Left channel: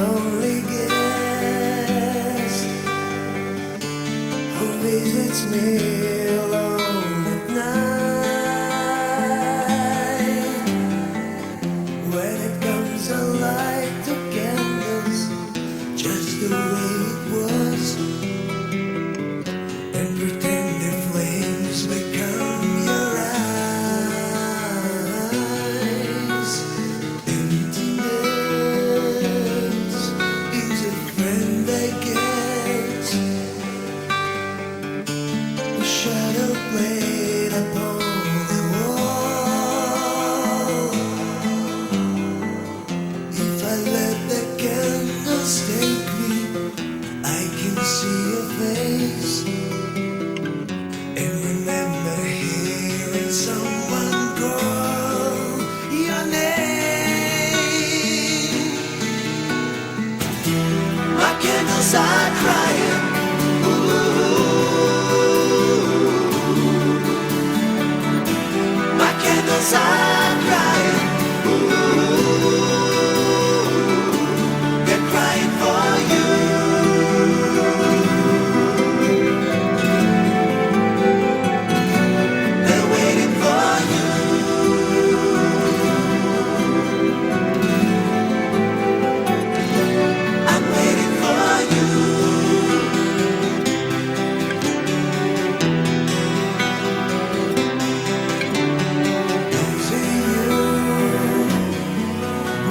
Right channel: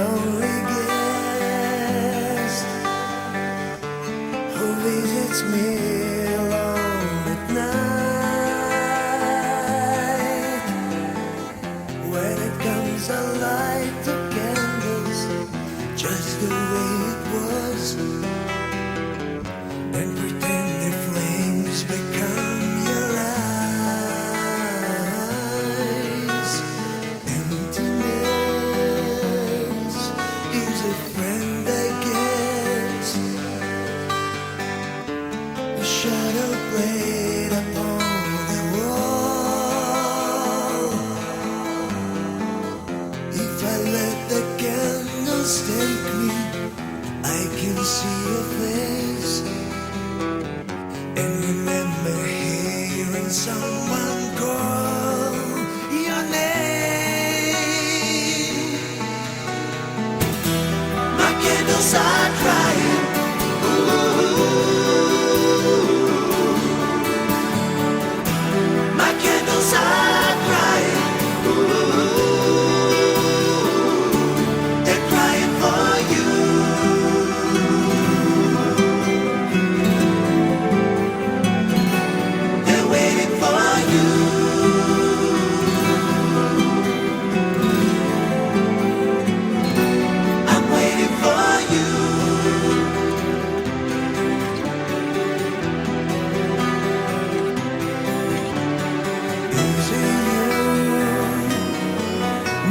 lonely guest who visits me alone at night. When it comes, I light the candles just the way it was, and pretend the flames become your eyes. Emptiness is a friend I get, a shadow played upon the wall. If I let the candles take me, I can see your face and remember hearing someone call your name. My candles are crying. Ooh. My candles are crying. Ooh. They're crying for you.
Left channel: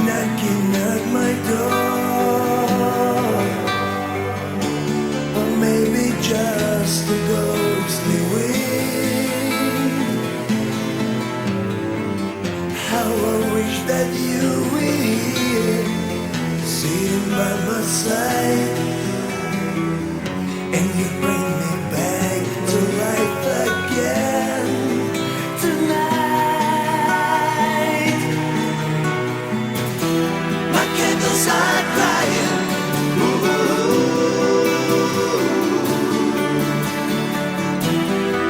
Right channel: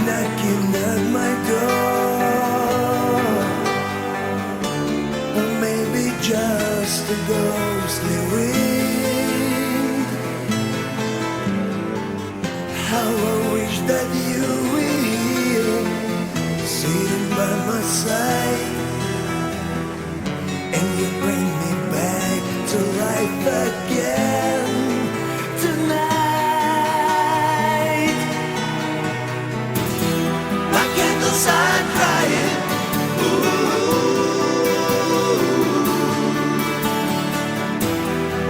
Knocking at my door, or maybe just a ghostly wind. How I wish that you were here, sitting by my side, and you bring me back to life again tonight. Candles are crying. Ooh.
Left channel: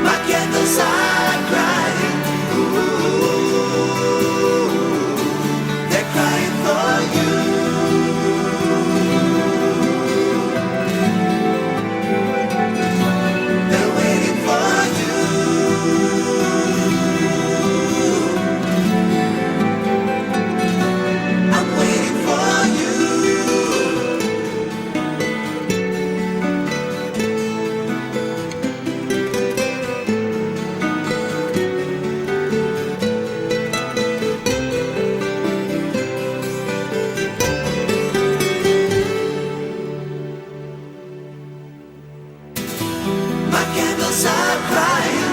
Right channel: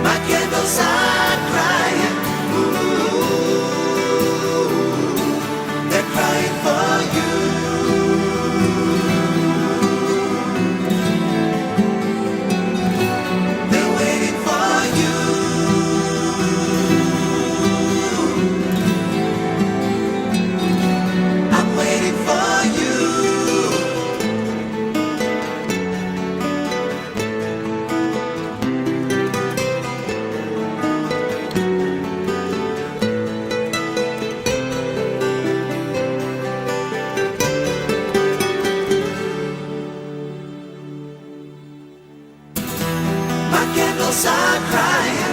My candles are crying. Ooh. They're crying for you. They're waiting for you. I'm waiting for you. My candles are crying.